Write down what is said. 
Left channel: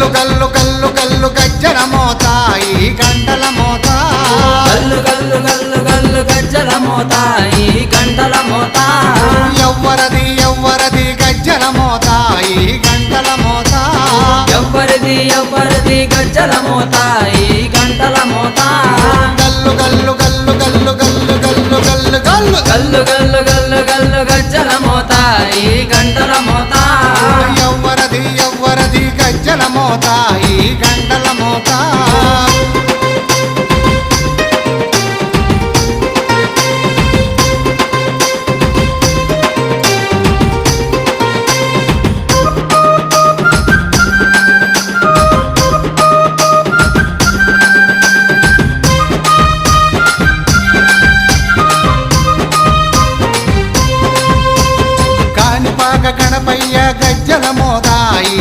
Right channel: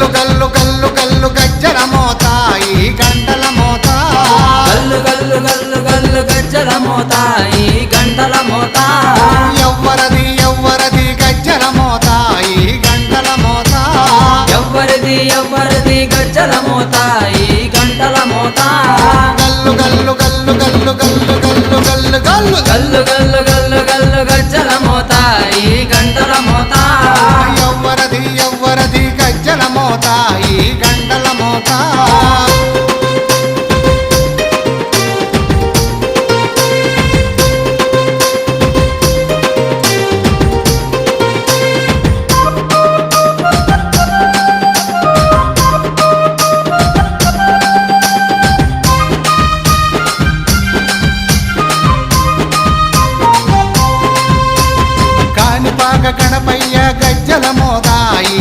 గల్లు గల్లు గల్లు గల్లు గజ్జల మోత ఈ గంటల మోత గల్లు గల్లు గల్లు గల్లు గజ్జల మోత ఈ గంటల మోత ఎవ్వరది ఎవ్వరది గజ్జల మోత ఈ గంటల మోత ఎవ్వరిది ఎవ్వరిది గజ్జల మోత ఈ గంటల మోత గల్లు గల్లు గల్లు గల్లు గల్లు గల్లు గల్లు గల్లు గల్లు గల్లు గల్లు గల్లు గజ్జల మోత ఈ గంటల మోత ఎవ్వరది ఎవ్వరది గజ్జల మోత ఈ గంటల మోత కాణిపాక గణపయ్య గజ్జల మోత ఈ